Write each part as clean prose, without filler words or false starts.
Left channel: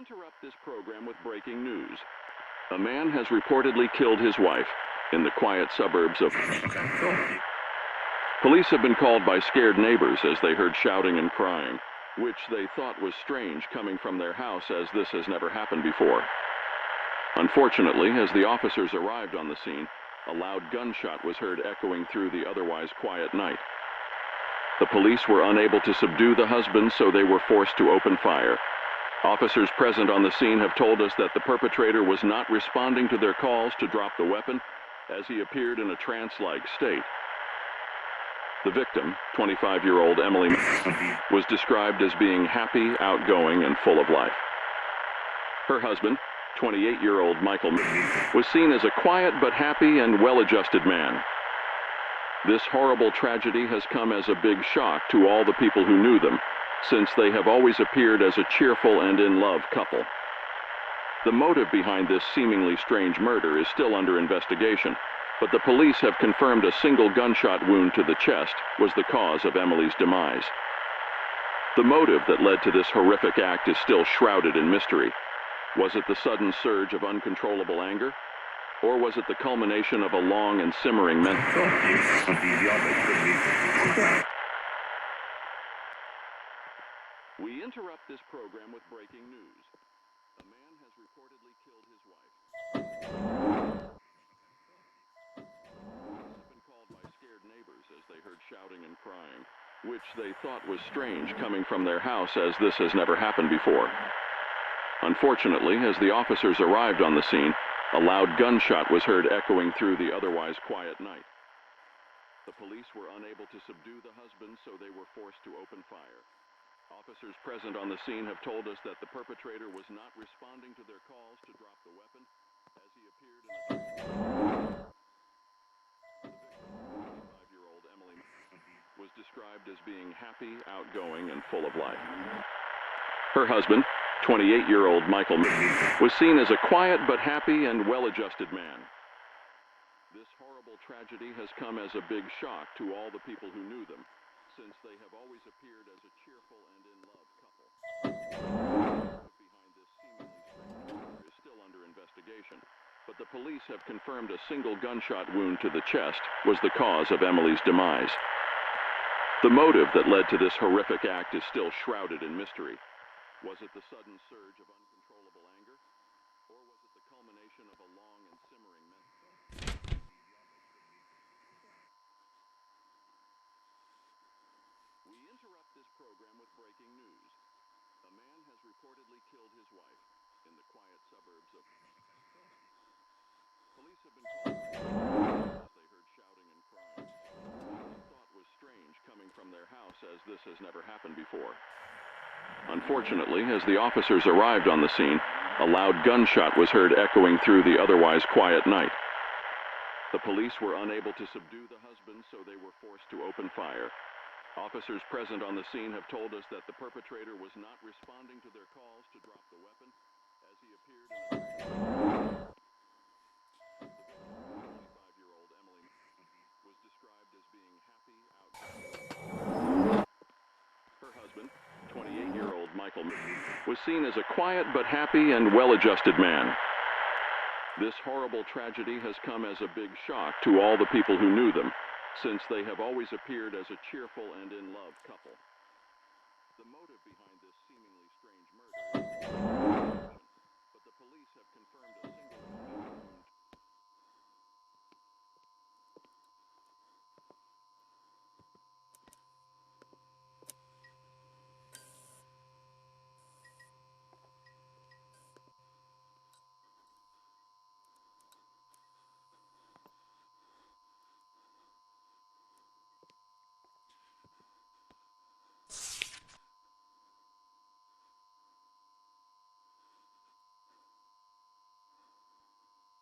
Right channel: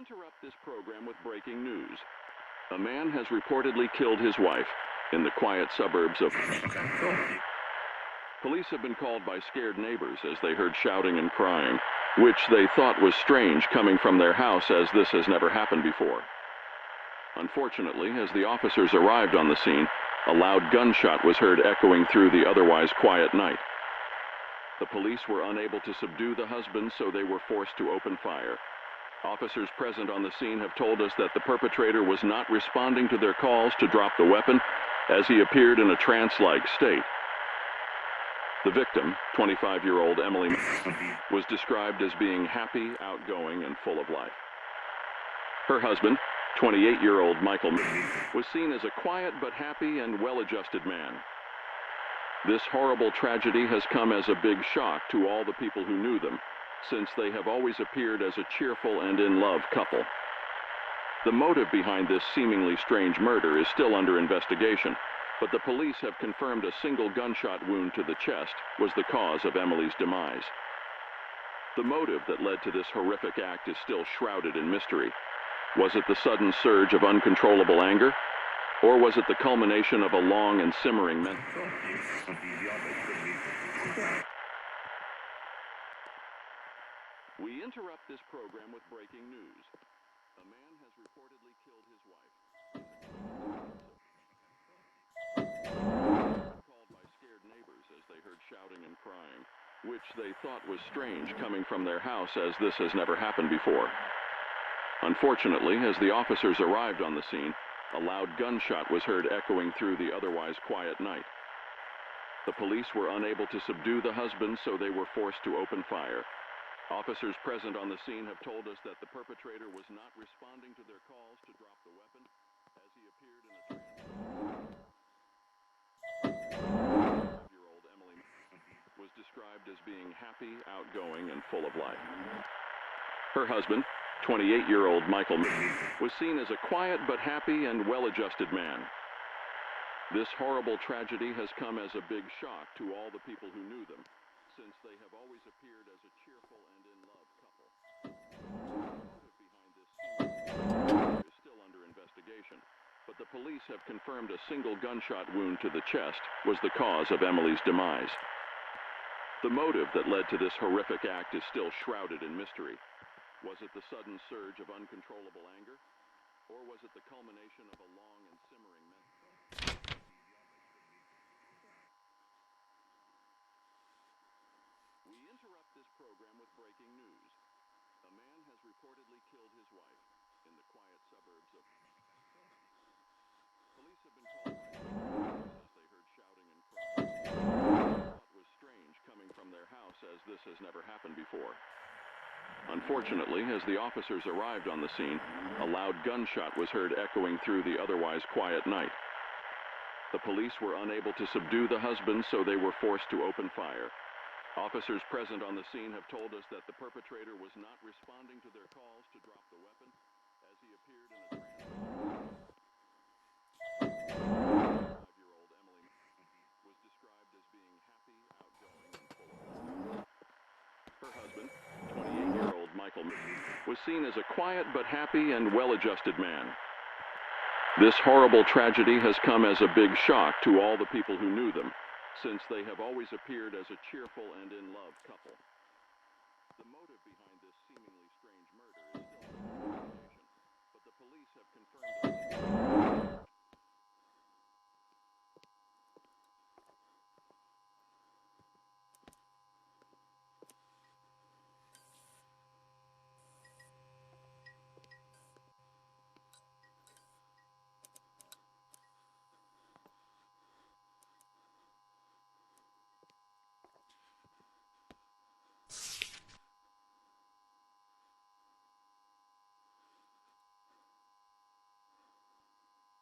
interrupt this program with breaking news. A man has reportedly killed his wife in the quiet suburbs of... Okay, cool. Police have been called by scared neighbors as they heard shouting and crying, which they thought was strange coming from their house, as this has never happened before. Unfortunately, as the officers arrived on the scene, a loud gunshot was heard echoing through the otherwise quiet night. The police were unable to subdue the husband, so they were forced to open fire. Officers present on the scene have told us that the perpetrator was not responding to their calls to drop the weapon, as he appeared in a trance-like state. The victim, 25-year-old Emily, was described as being happy, outgoing, and full of life. Her husband, 28-year-old Michael, was seen as a quiet but happy and well-adjusted man. This horrible tragedy has come as a big shock to all the people who knew them, since they have always appeared as a cheerful and in-love couple. The motive behind this seemingly strange murder is still under investigation, but the police have confirmed a single gunshot wound to the chest was the cause of Emily's demise. The motive that led to this horrific act is still shrouded in mystery. Was it the sudden surge of uncontrollable anger? Or was it the culmination of a long and simmering mental... We interrupt this program with breaking news. A man has reportedly killed his wife. Been called by scared neighbors as they heard shouting and crying, which they thought was strange coming from their house, as this has never happened before. Unfortunately, as the officers arrived on the scene, a loud gunshot was heard echoing through the otherwise quiet night. The police were unable to subdue the husband, so they were forced to open fire. Officers present on the scene have told us that the perpetrator was not responding to their calls to drop the weapon, as he appeared in a... 5-year-old Emily was described as being happy, outgoing, and full of life. Her husband, 28-year-old Michael, was seen as a quiet but happy and well-adjusted man. This horrible tragedy has come as a big shock to all the people who knew them, since they have always appeared as a cheerful and in-love couple. Behind this seemingly is still under investigation, but the police have confirmed a single gunshot wound to the chest was the cause of Emily's demise. The motive that led to this horrific act is still shrouded in mystery. Was it the sudden surge of uncontrollable anger? Or was it the culmination of a long and simmering mental... We interrupt this program with breaking news. A man has reportedly killed his wife in the quiet suburbs of... Police have been called as they heard shouting and crying. Thought was strange coming from their house, as this has never happened before. Unfortunately, as the officers arrived on the scene, a loud gunshot was heard echoing through the otherwise quiet night. The police were unable to subdue the husband, so they were forced to open fire. Officers present on the scene have told us that the perpetrator was not responding to their calls to drop the weapon, as he appeared in a... 5-year-old Emily was described as being happy, outgoing. Her husband, 28-year-old Michael, was seen as a quiet but happy and well-adjusted man. This horrible tragedy has come as a big shock to all the people who knew them, since they have always appeared as a cheerful and in-love couple. The motive behind this seemingly strange murder is but the police have confirmed it.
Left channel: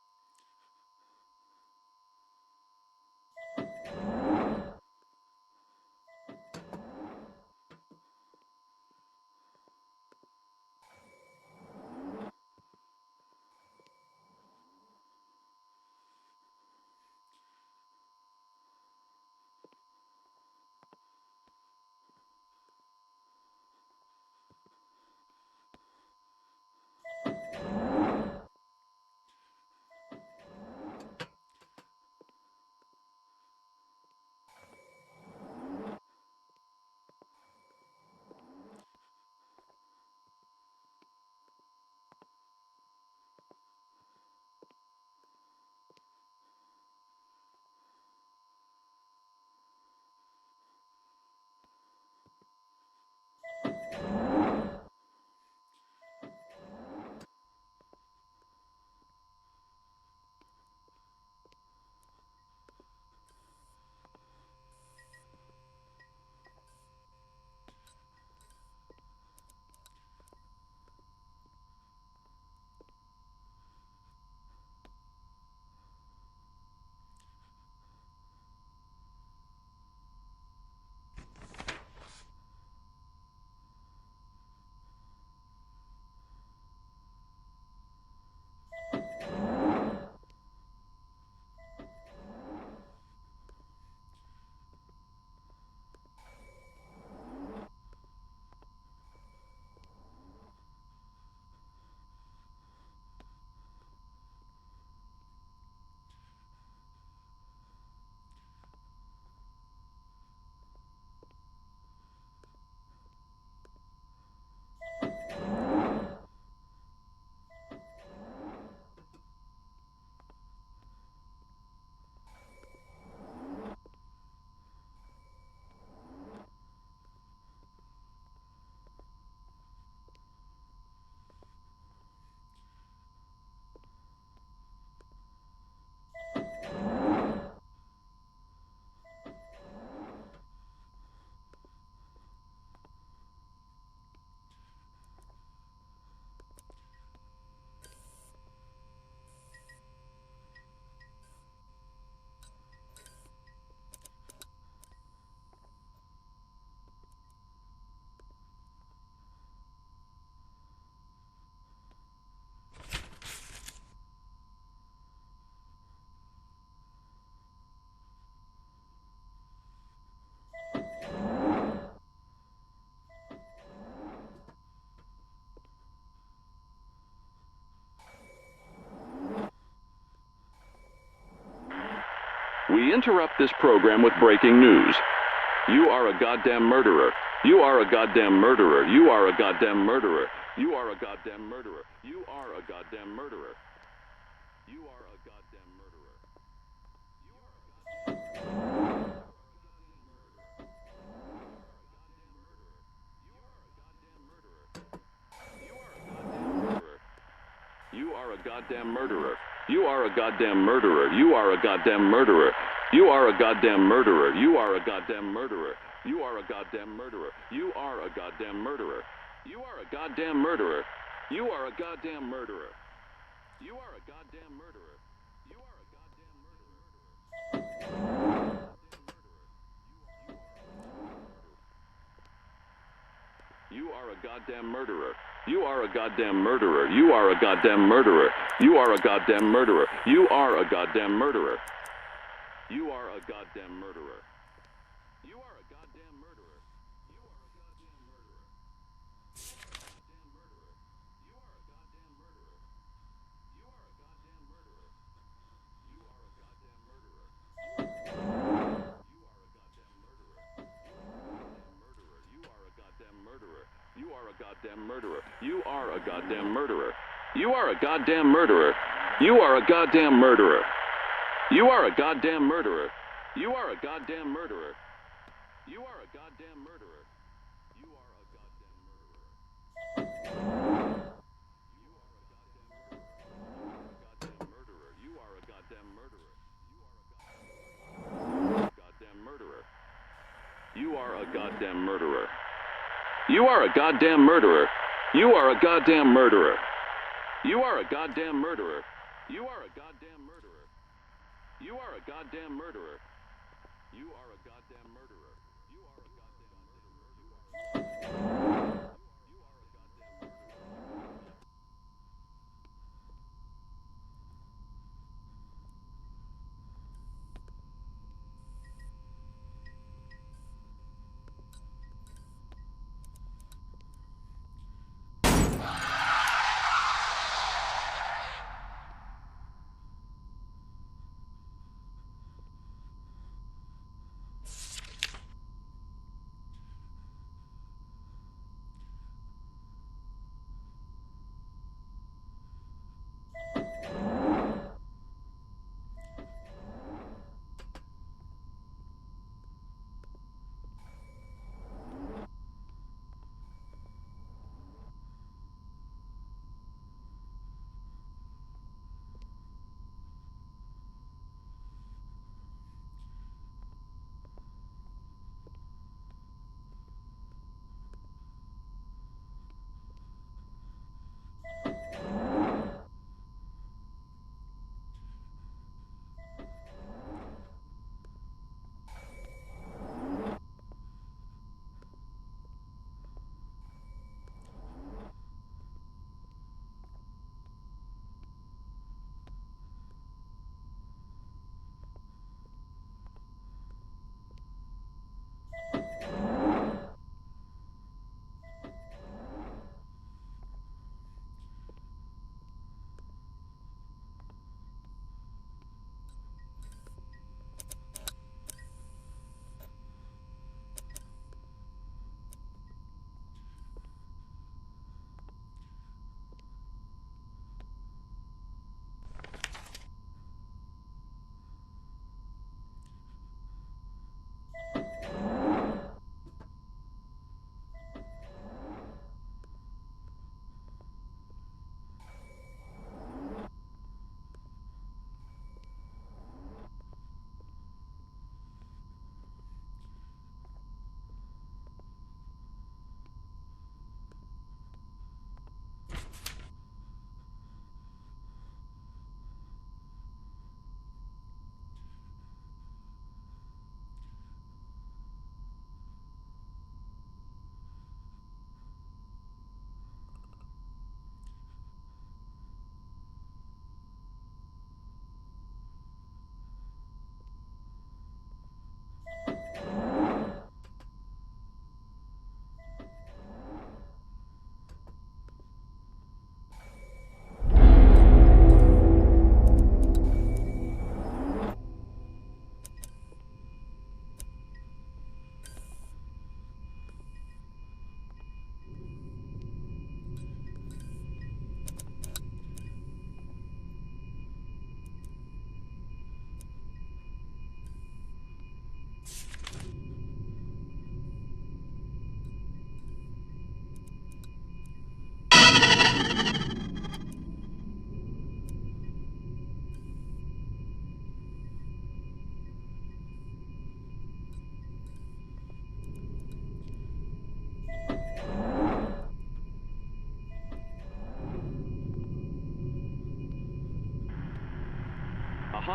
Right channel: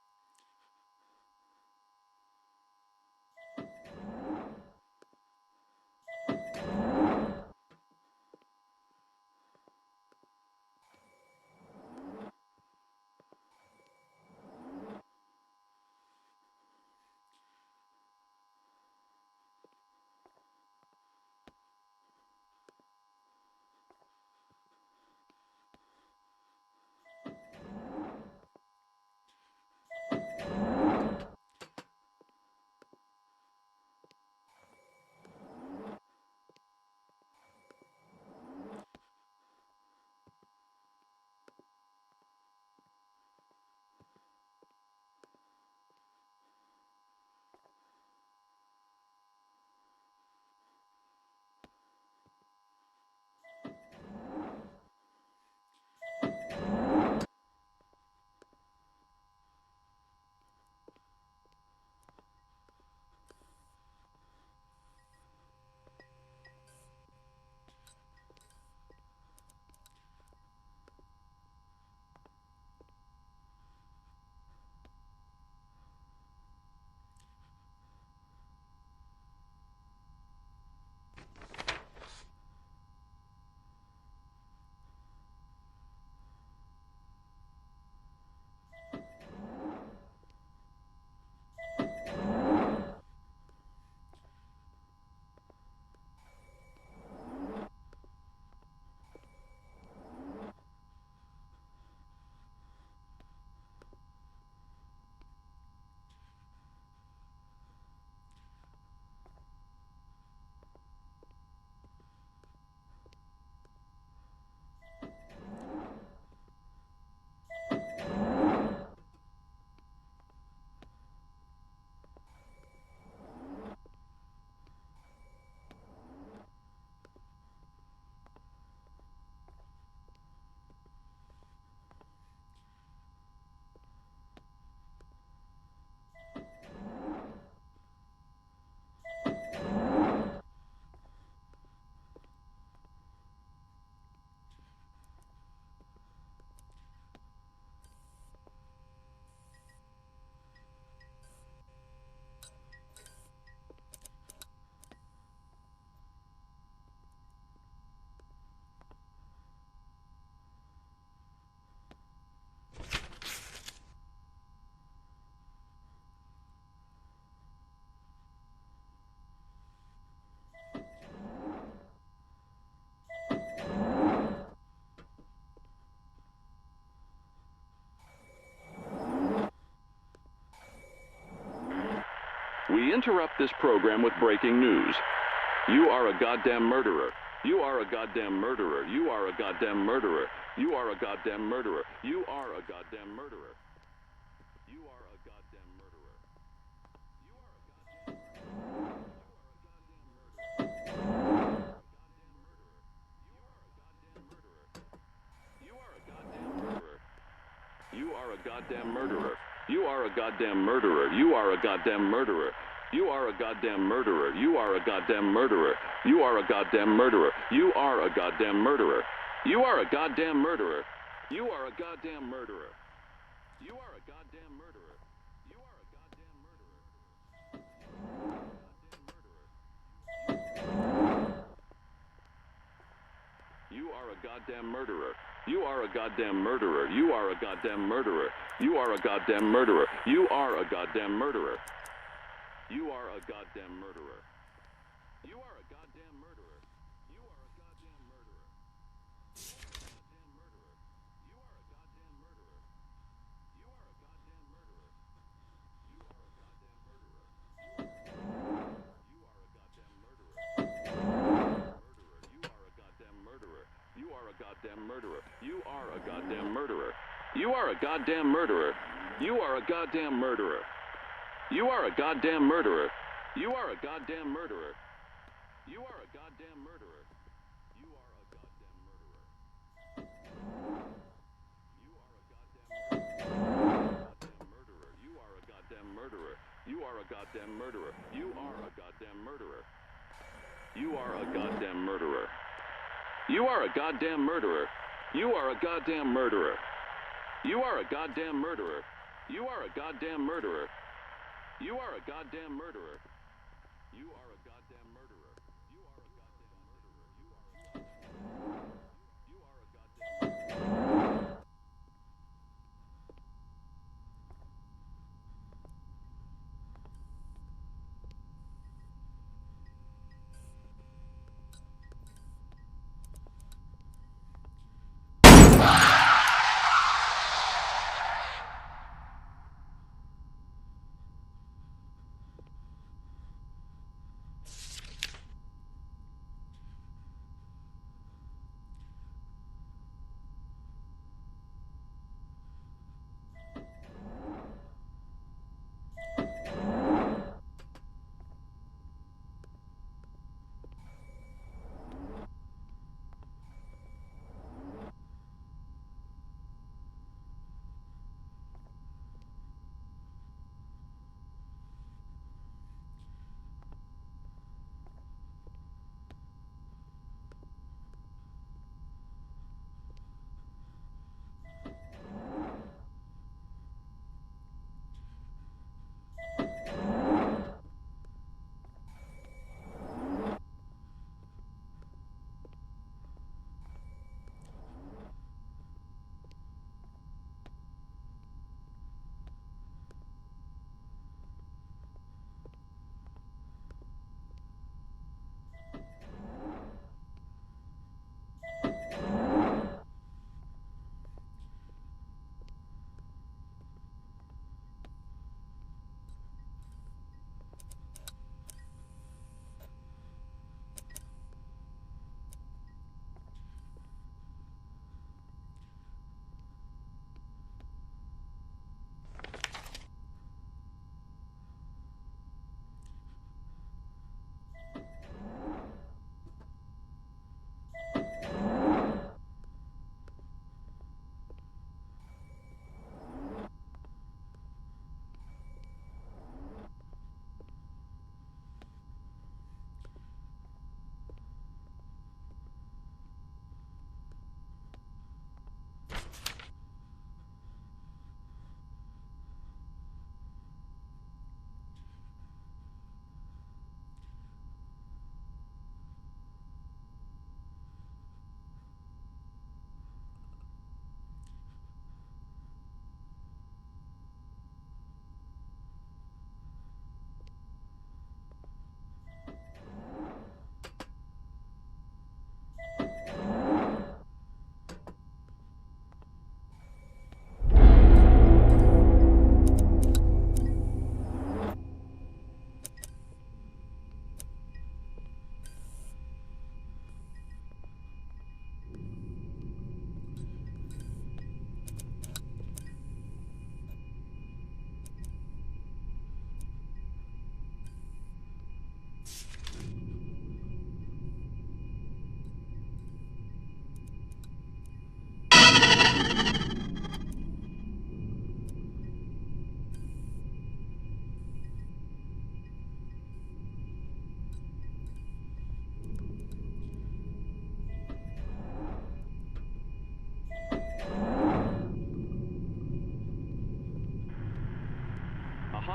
We interrupt this program with breaking news. You are a goddamn murderer. You are a goddamn murderer. You are a goddamn murderer. You are a goddamn murderer. You are a goddamn murderer. You are a goddamn murderer. You are a goddamn You are a goddamn murderer. You are a goddamn murderer. You are a goddamn murderer. You are a goddamn murderer. You are a goddamn murderer. You are a goddamn murderer. You are a goddamn murderer. You are a goddamn murderer. You are a goddamn murderer. You are a goddamn murderer. You are a goddamn murderer. You are a goddamn murderer. You are a goddamn murderer. You are a goddamn murderer. You are a goddamn murderer. You are a goddamn murderer. You are a goddamn murderer. You are a goddamn murderer. You are a goddamn murderer. You are a goddamn murderer. You are a goddamn murderer. You are a goddamn murderer. You are a goddamn murderer. You are a goddamn murderer. You are a goddamn murderer. You are a goddamn murderer. You are a goddamn murderer. You are a goddamn murderer. You are a goddamn murderer. You are a goddamn murderer. You are a goddamn murderer. You are a goddamn murderer. You are a goddamn murderer. You are a goddamn murderer. You are a goddamn murderer. You are a goddamn murderer. You are a goddamn murderer. You are a goddamn murderer. You are a goddamn murderer. You are a goddamn murderer. You are a goddamn murderer. You are a goddamn murderer. You are a goddamn murderer. You are a goddamn murderer.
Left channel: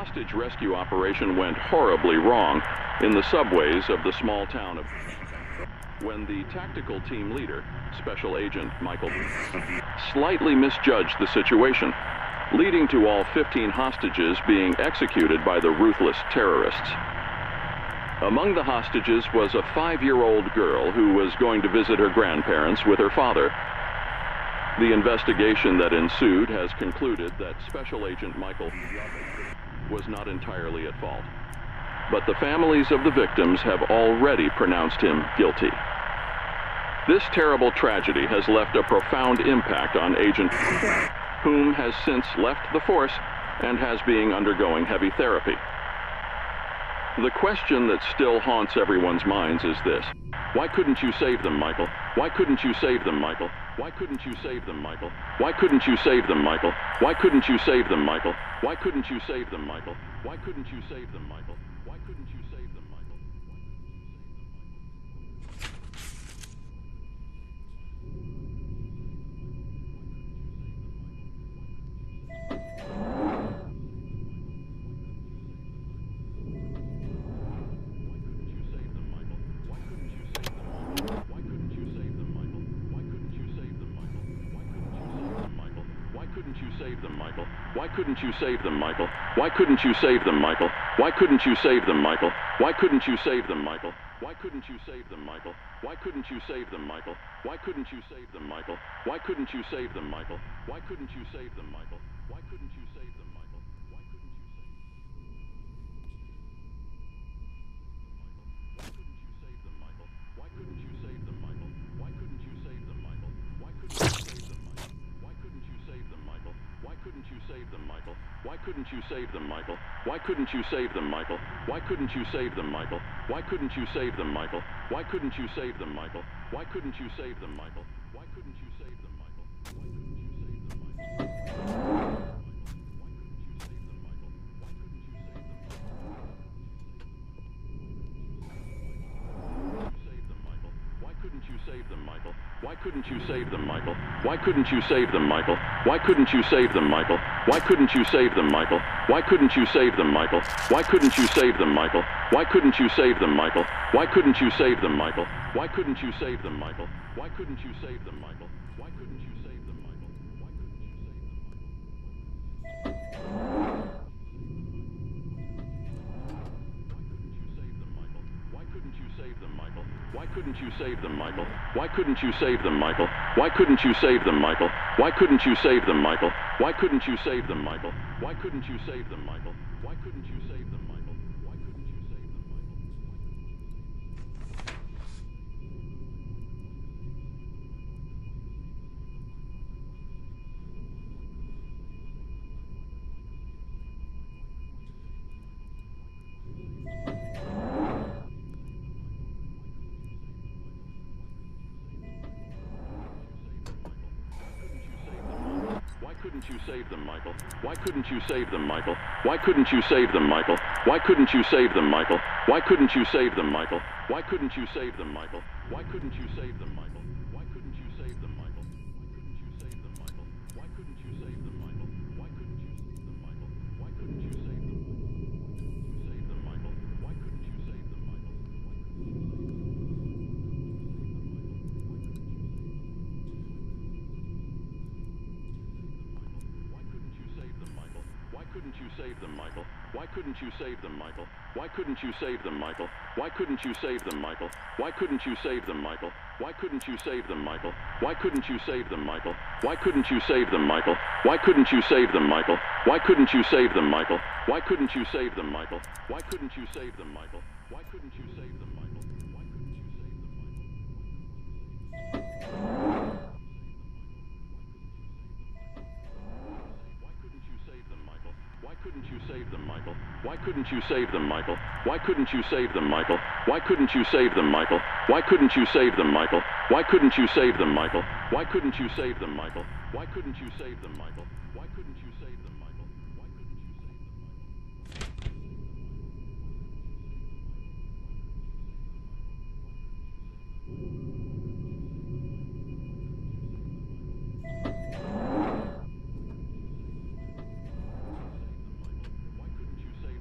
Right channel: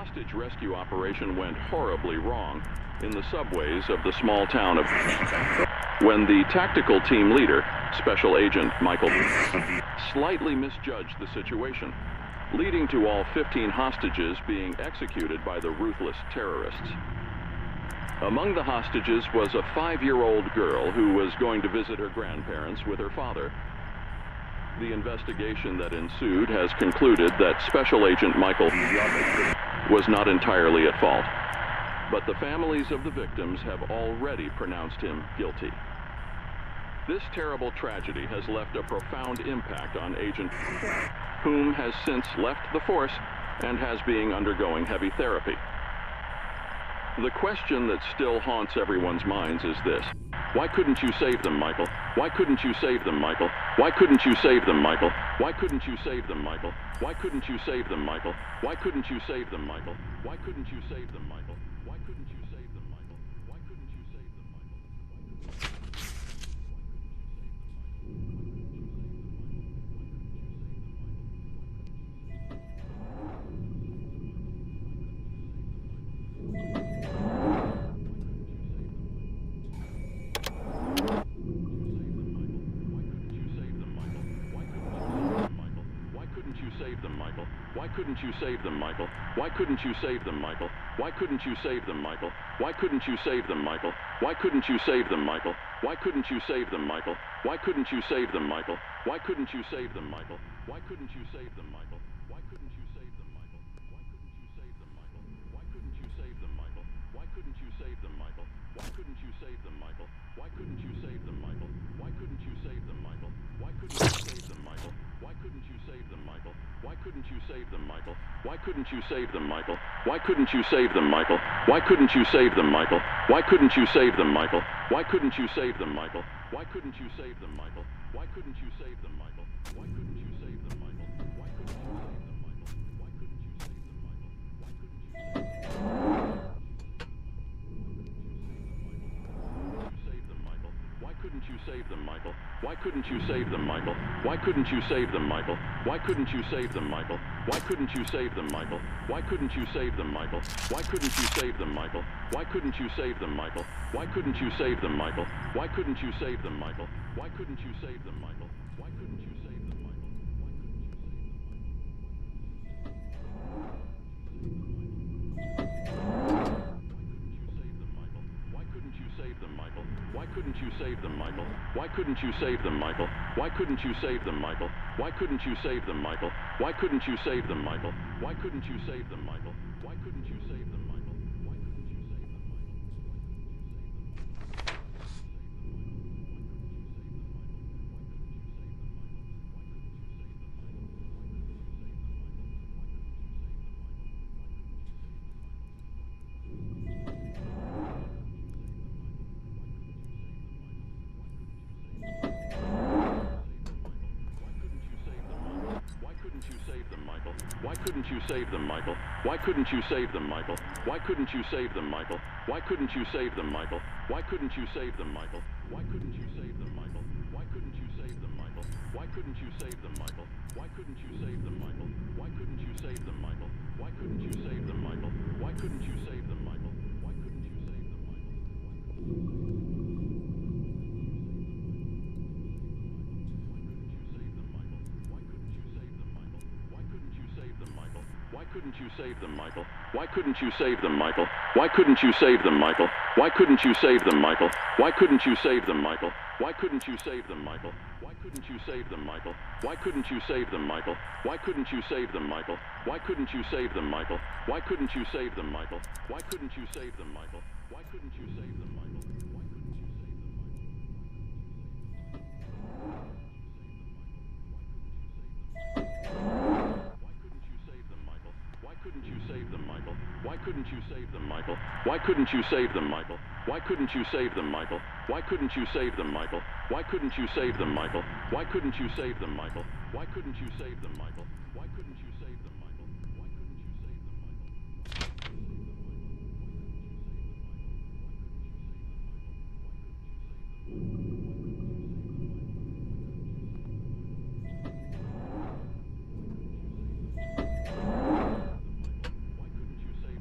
hostage rescue operation went horribly wrong in the subways of the small town of when the tactical team leader, Special Agent Michael, slightly misjudged the situation, leading to all 15 hostages being executed by the ruthless terrorists. Among the hostages was a 5-year-old girl who was going to visit her grandparents with her father. The investigation that ensued has concluded that Special Agent Michael was not entirely at fault, but the families of the victims have already pronounced him guilty. This terrible tragedy has left a profound impact on Agent, whom has since left the force and has been undergoing heavy therapy. The question that still haunts everyone's minds is this: why couldn't you save them, Michael? Why couldn't you save them, Michael? Why couldn't you save them, Michael? Why couldn't you save them, Michael? Why couldn't you save them, Michael? Why couldn't you save them, Michael? Why couldn't you save them, Michael? Why couldn't you save them, Michael? Why couldn't you save them, Michael? Why couldn't you save them, Michael? Why couldn't you save them, Michael? Why couldn't you save them, Michael? Why couldn't you save them, Michael? Why couldn't you save them, Michael? Why couldn't you save them, Michael? Why couldn't you save them, Michael? Why couldn't you save them, Michael? Why couldn't you save them, Michael? Why couldn't you save them, Michael? Why couldn't you save them, Michael? Why couldn't you save them, Michael? Why couldn't you save them, Michael? Why couldn't you save them, Michael? Why couldn't you save them, Michael? Why couldn't you save them, Michael? Why couldn't you save them, Michael? Why couldn't you save them, Michael? Why couldn't you save them, Michael? Why couldn't you save them, Michael? Why couldn't you save them, Michael? Why couldn't you save them, Michael? Why couldn't you save them, Michael? Why couldn't you save them, Michael? Why couldn't you save them, Michael? Why couldn't you save them, Michael? Why couldn't you save them, Michael? Why couldn't you save them, Michael? Why couldn't you save them, Michael? Why couldn't you save them, Michael? Why couldn't you save them, Michael? Why couldn't you save them, Michael? Why couldn't you save them, Michael? Why couldn't you save them, Michael? Why couldn't you save them, Michael? Why couldn't you save them, Michael? Why couldn't you save them, Michael? Why couldn't you save them, Michael? Why couldn't you save them, Michael? Why couldn't you save them, Michael? Why couldn't you save them, Michael? Why couldn't you save them, Michael? Why couldn't you save them, Michael? Why couldn't you save them, Michael? Why couldn't you save them, Michael? Why couldn't you save them, Michael? Why couldn't you save them, Michael? Why couldn't you save them, Michael? Why couldn't you save them, Michael? Why couldn't you save them, Michael? Why couldn't you save them, Michael? Why couldn't you save them, Michael? Why couldn't you save them, Michael? Why couldn't you save them, Michael? Why couldn't you save them, Michael? Why couldn't you save them, Michael? Why couldn't you save them, Michael? Why couldn't you save them, Michael? Why couldn't you save them, Michael? Why couldn't you save them, Michael? Why couldn't you save them, Michael? Why couldn't you save them, Michael? Why couldn't you save them, Michael? Why couldn't you save them, Michael? Why couldn't you save them, Michael? Why couldn't you save them, Michael? Why couldn't you save them, Michael? Why couldn't you save them, Michael? Why couldn't you save them, Michael? Why couldn't you save them, Michael? Why couldn't you save them, Michael? Why couldn't you save them, Michael? Why couldn't you save them, Michael? Why couldn't you save them, Michael? Why couldn't you save them, Michael? Why couldn't you save them, Michael? Why couldn't you save them, Michael? Why couldn't you save them, Michael? Why couldn't you save them, Michael? Why couldn't you save them, Michael? Why couldn't you save them, Michael? Why couldn't you save them, Michael? Why couldn't you save them, Michael? Why couldn't you save them, Michael? Why couldn't you save them, Michael? Why couldn't you save them, Michael? Why couldn't you save them, Michael? Why couldn't you save them, Michael? Why couldn't you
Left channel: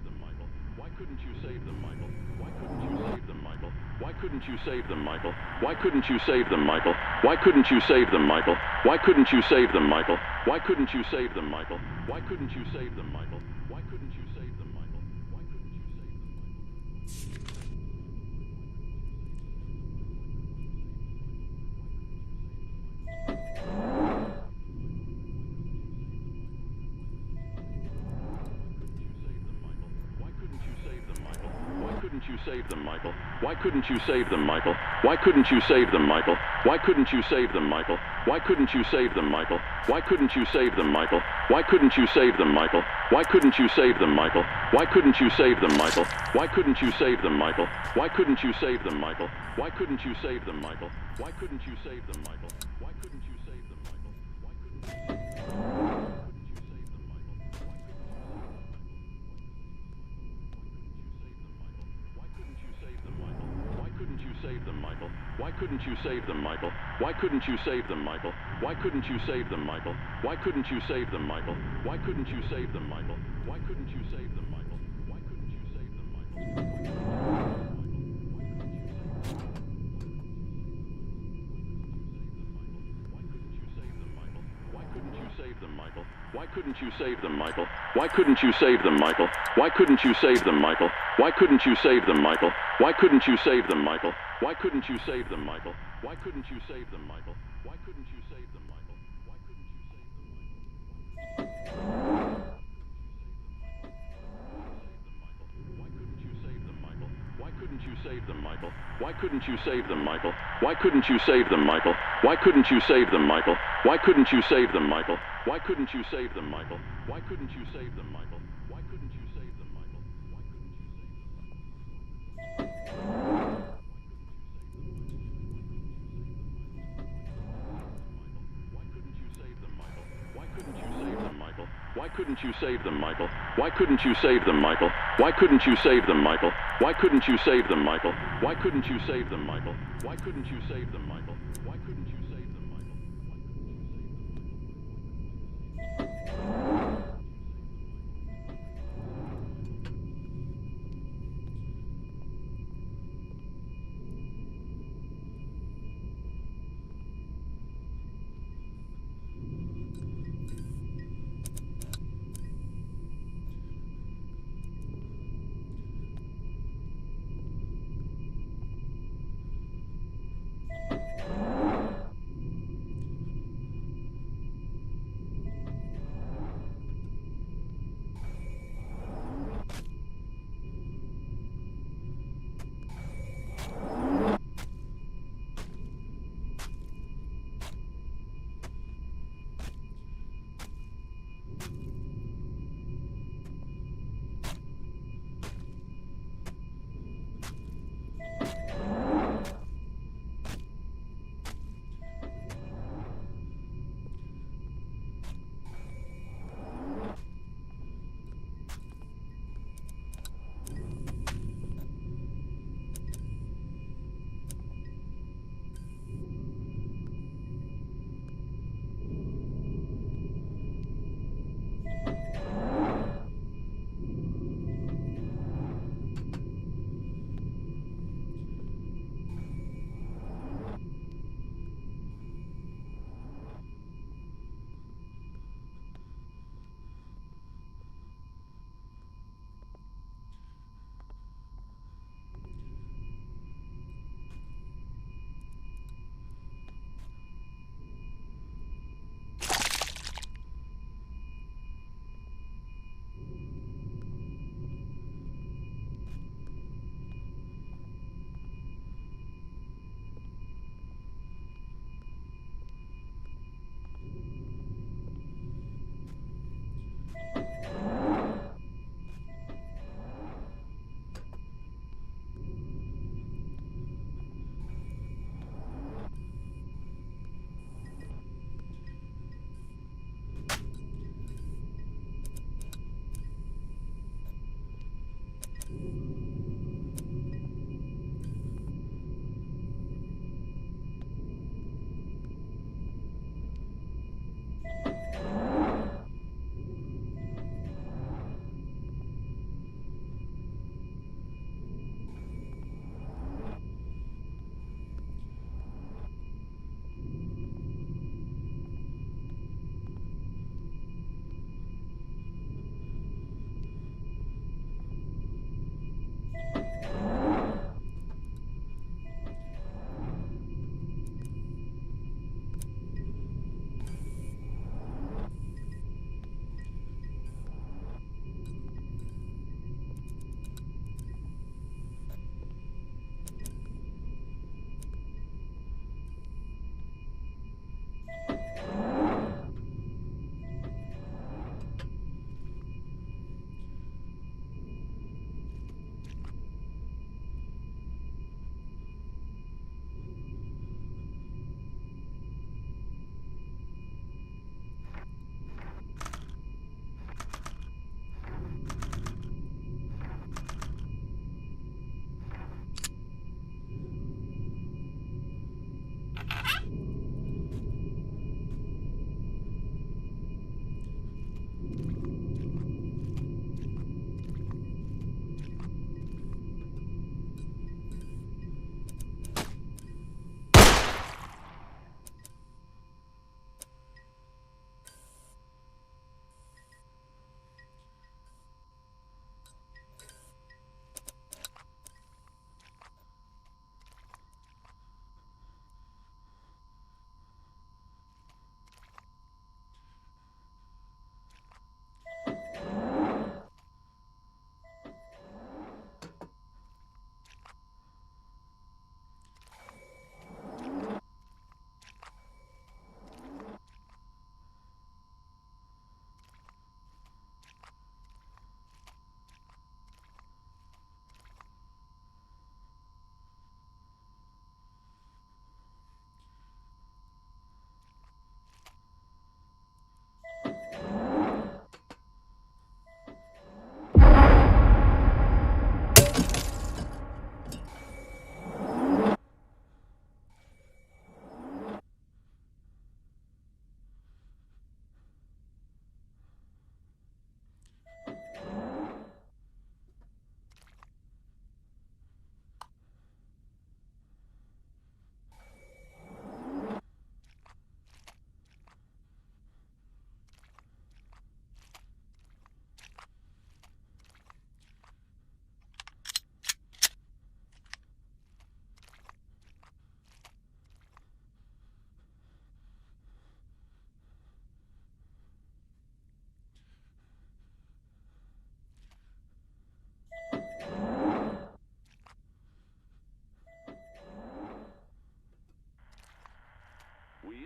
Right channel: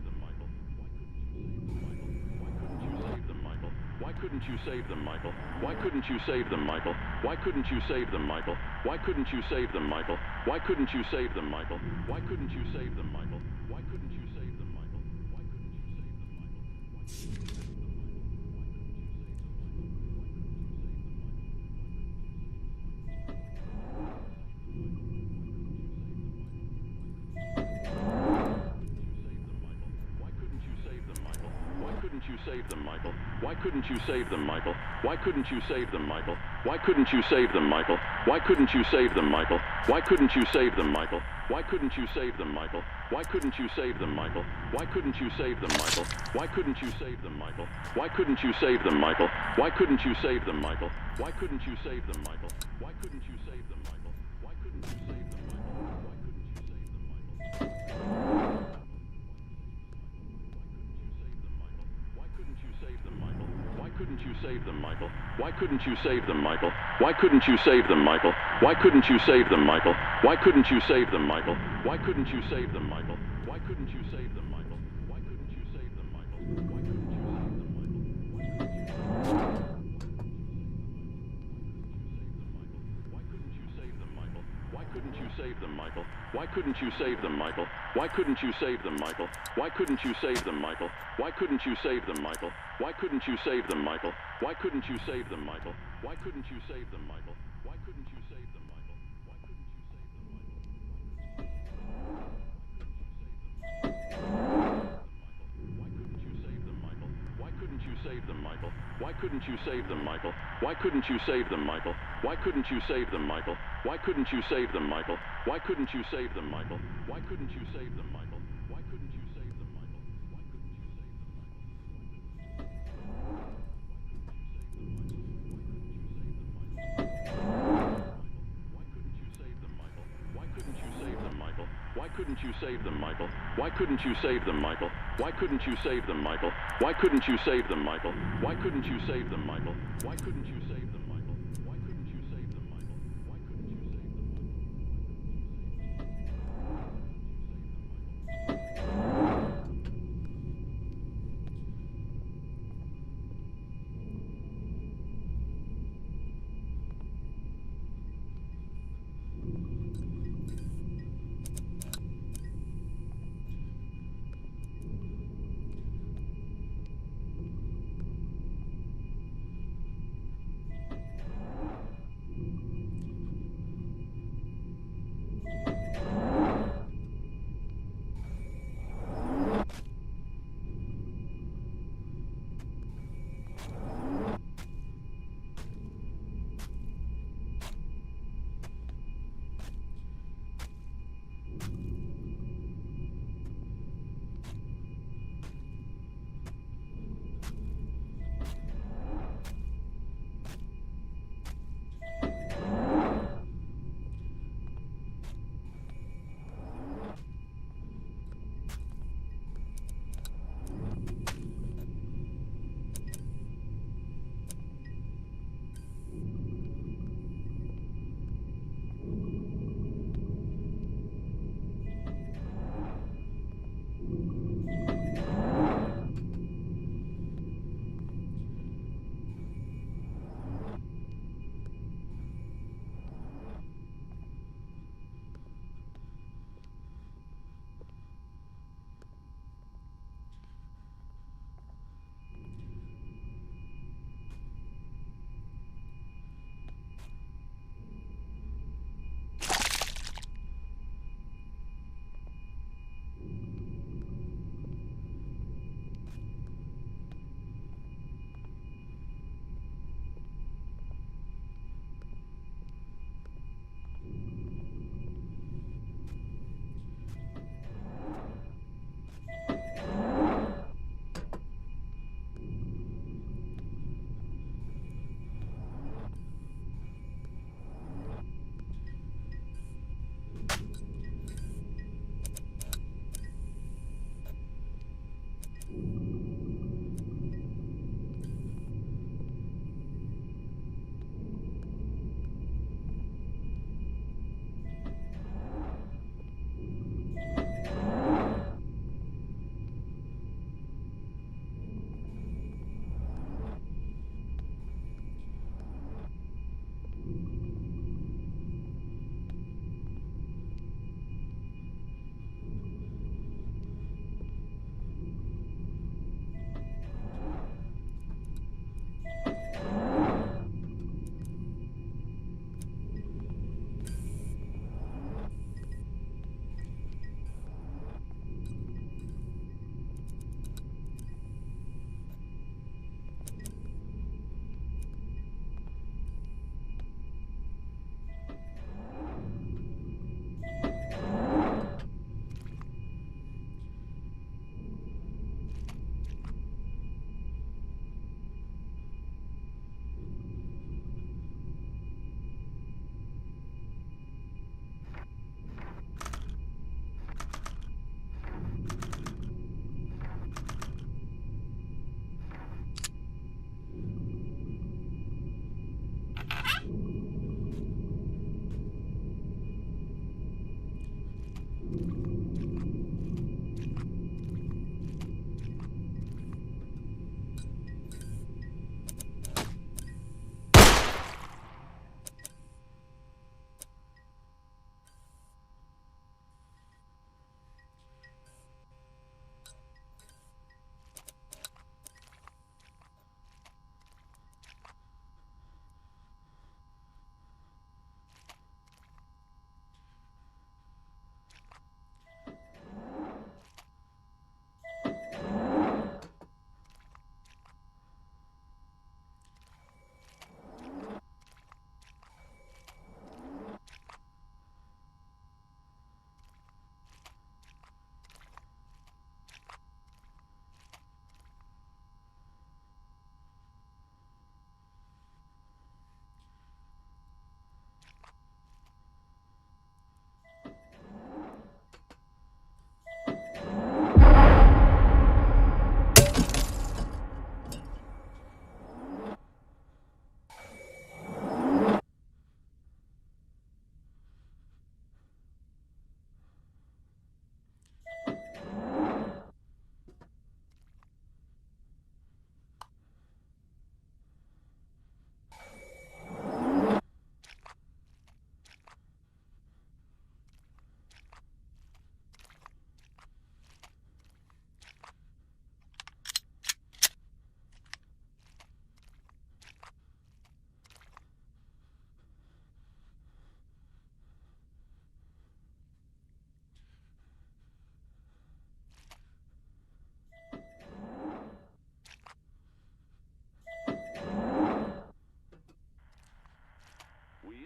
couldn't you save them, Michael? Why couldn't you save them, Michael? Why couldn't you save them, Michael? Why couldn't you save them, Michael? Why couldn't you save them, Michael? Why couldn't you save them, Michael? Why couldn't you save them, Michael? Why couldn't you save them, Why couldn't you save them, Michael? Why couldn't you save them, Michael? Why couldn't you save them, Michael? Why couldn't you save them, Michael? Why couldn't you save them, Michael? Why couldn't you save them, Michael? Why couldn't you save them, Michael? Why couldn't you save them, Michael? Why couldn't you save them, Michael? Why couldn't you save them, Michael? Why couldn't you save them, Michael? Why couldn't you save them, Michael? Why couldn't you save them, Michael? Why couldn't you save them, Michael? Why couldn't you save them, Why couldn't you save them, Michael? Why couldn't you save them, Michael? Why couldn't you save them, Michael? Why couldn't you save them, Michael? Why couldn't you save them, Michael? Why couldn't you save them, Michael? Why couldn't you save them, Michael? Why couldn't you save them, Michael? Why couldn't you save them, Michael? Why couldn't you save them, Michael? Why couldn't you save them, Michael? Why couldn't you save them, Michael? Why couldn't you save them, Michael? Why couldn't you save them, Michael? Why couldn't you save them, Michael? Why couldn't you save them, Michael? Why couldn't you save them, Michael? Why couldn't you save them, Michael? Why couldn't you save them, Michael? Why couldn't you save them, Michael? Why couldn't you save them, Michael? Why couldn't you save them, Michael? Why couldn't you save them, Michael? Why couldn't you save them, Michael? Why couldn't you save them, Michael? Why couldn't you save them, Michael? Why couldn't you save them, Michael? Why couldn't you save them, Michael? Why couldn't you save them, Michael? Why couldn't you save them, Michael? Why couldn't you save them, Michael? Why couldn't you save them, Michael? Why couldn't you save them, Michael? Why couldn't you save them, Michael? Why couldn't you save them, Michael?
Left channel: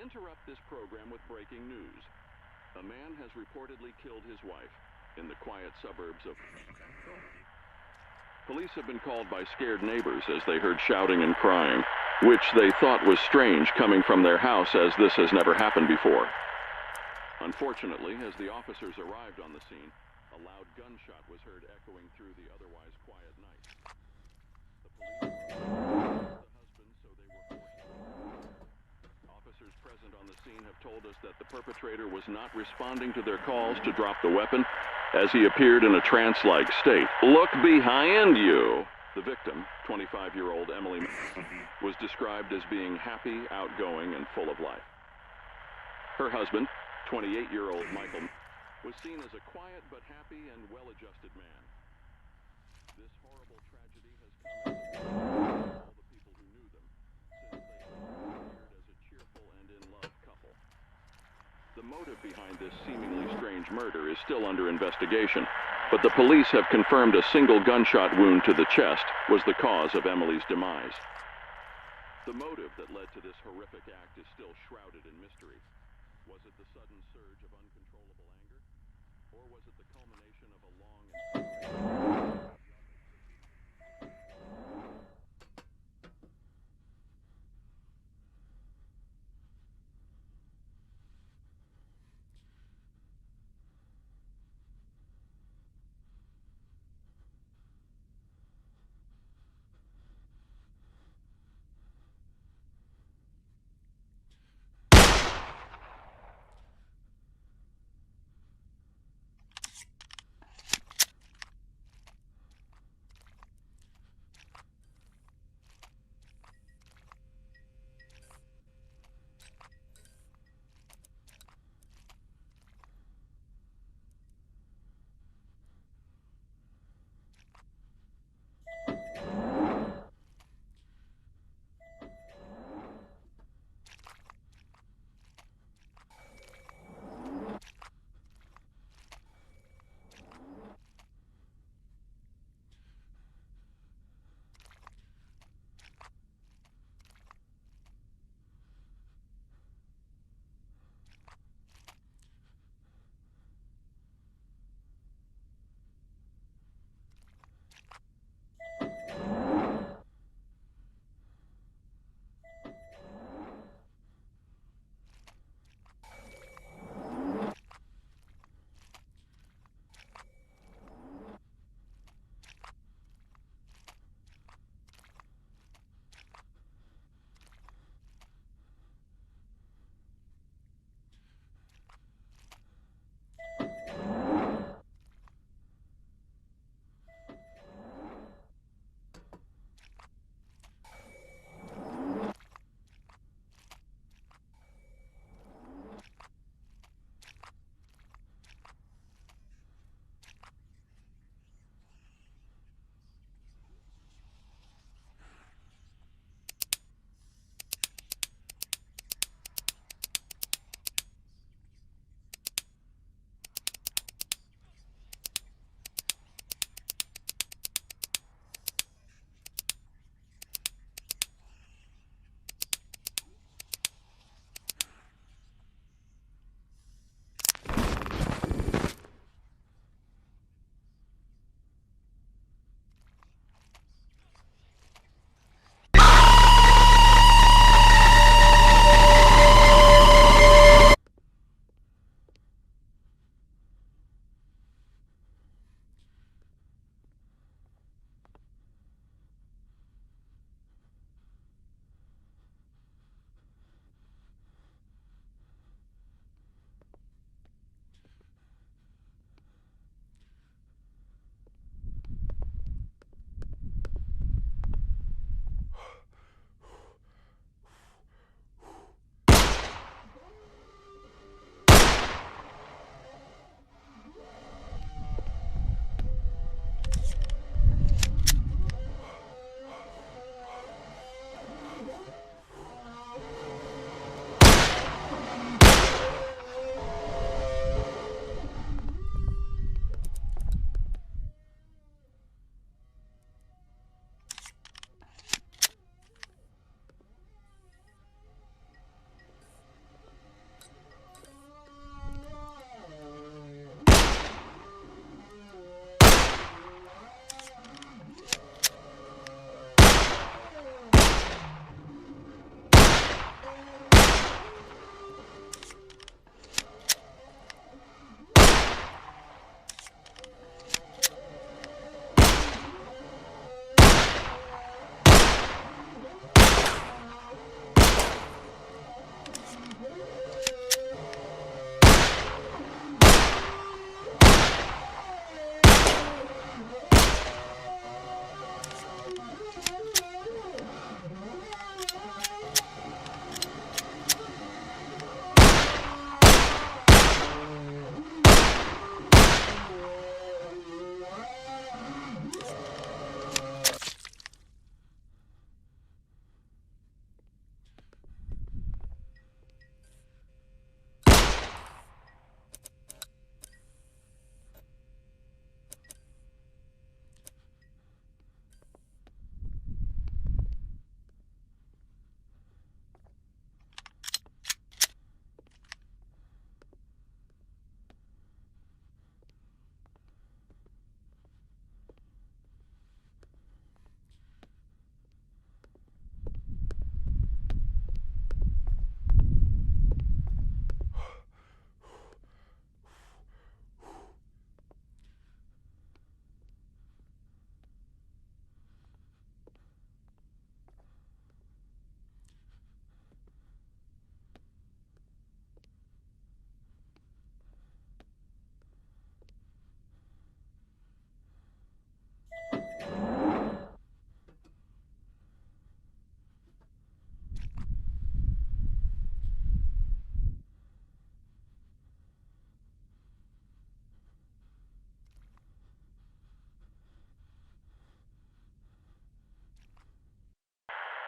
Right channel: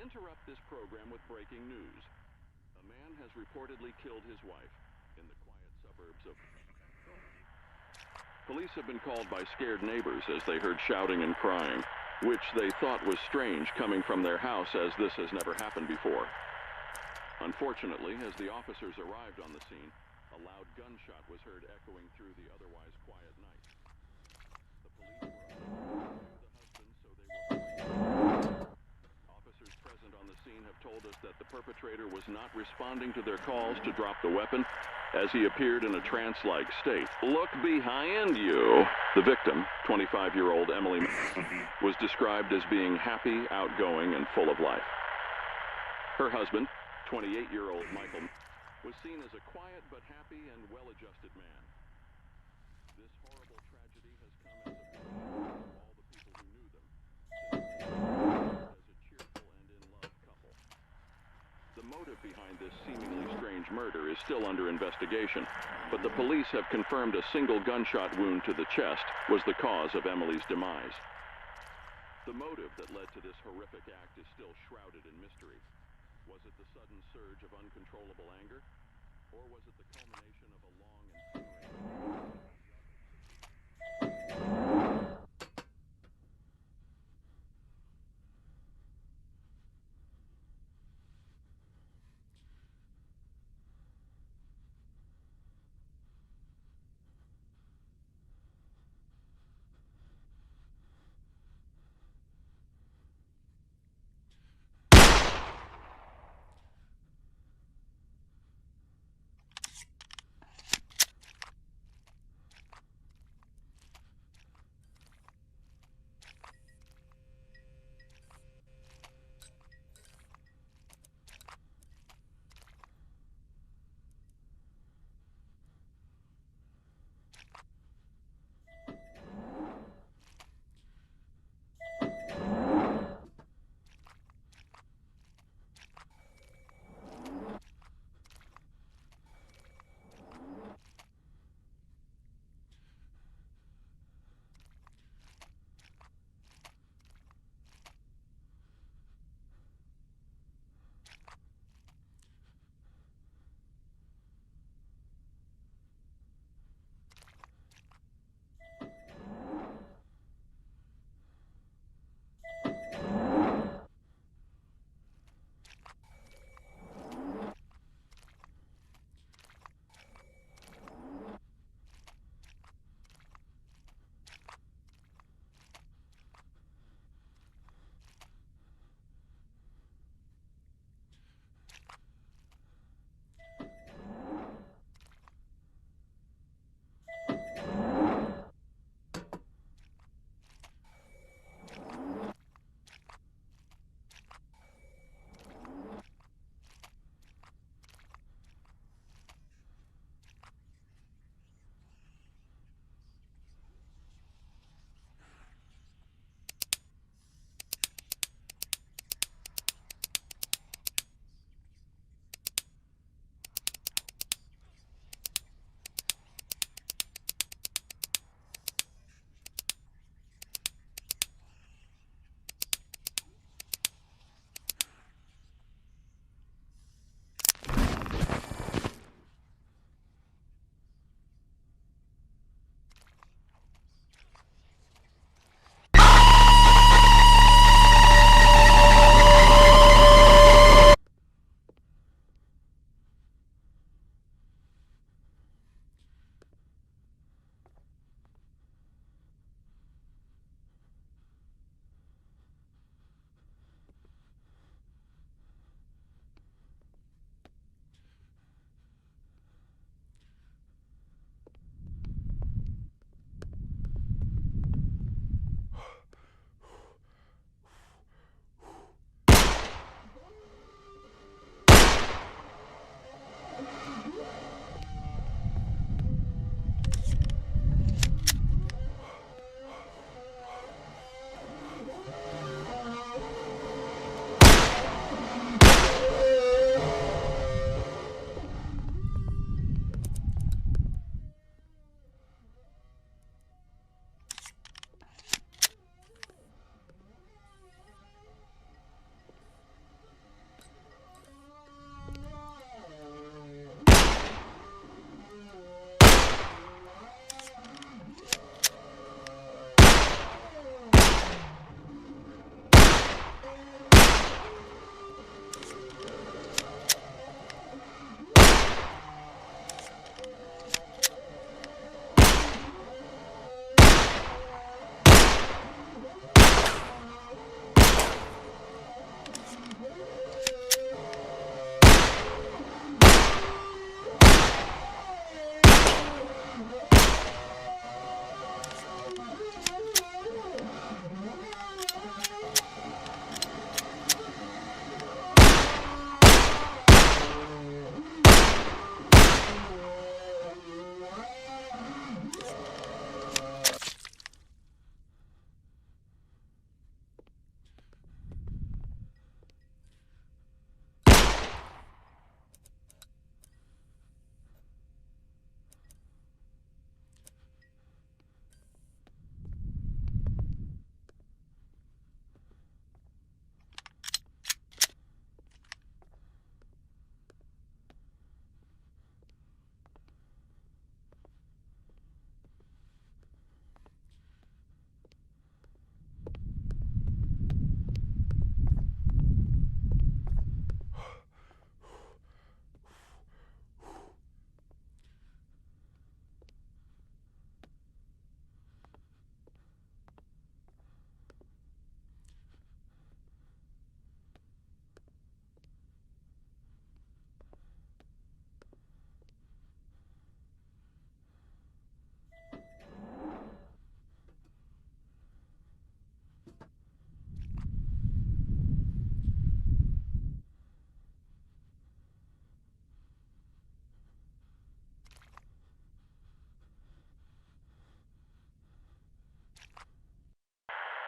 interrupt this program with breaking news. A man has reportedly killed his wife in the quiet suburbs of... Police have been called by scared neighbors as they heard shouting and crying, which they thought was strange coming from their house, as this has never happened before. Unfortunately, as the officers arrived on the scene, a loud gunshot was heard echoing through the otherwise quiet night. The police were the husband, so they were... Officers present on the scene have told us that the perpetrator was not responding to their calls to drop the weapon, as he appeared in a trance-like state. Look behind you! The victim, 25-year-old Emily, was described as being happy, outgoing, and full of life. Her husband, 28-year-old Michael, was seen as a quiet but happy and well-adjusted man. This horrible tragedy has come as a all the people who knew them, since they were as a cheerful and in-love couple. The motive behind this seemingly strange murder is still under investigation, but the police have confirmed a single gunshot wound to the chest was the cause of Emily's demise. The motive that led to this horrific act is still shrouded in mystery. Was it the sudden surge of uncontrollable anger? Or was it the culmination of a long and...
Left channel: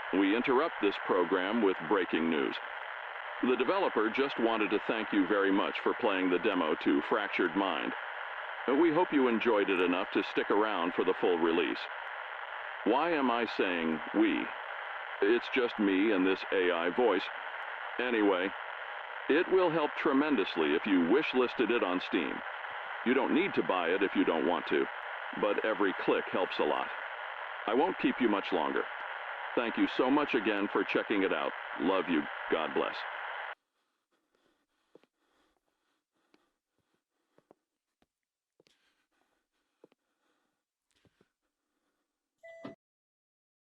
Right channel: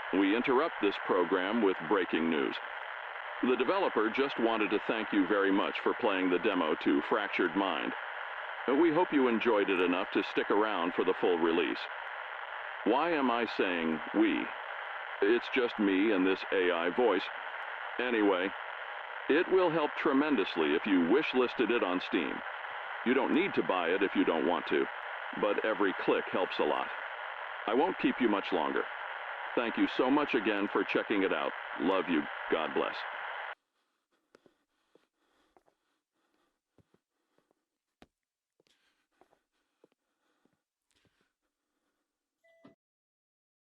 We interrupt this program with breaking news. The developer just wanted to thank you very much for playing the demo to Fractured Mind. We hope you enjoyed it enough to stick around for the full release. Why am I saying we? It's just me and this AI voice. Anyway, it will help tremendously if you wish-listed it on Steam. You don't need to buy it if you don't want to, but every click helps a lot. I won't keep you much longer. Thank you so much again for checking it out. Love you. God bless.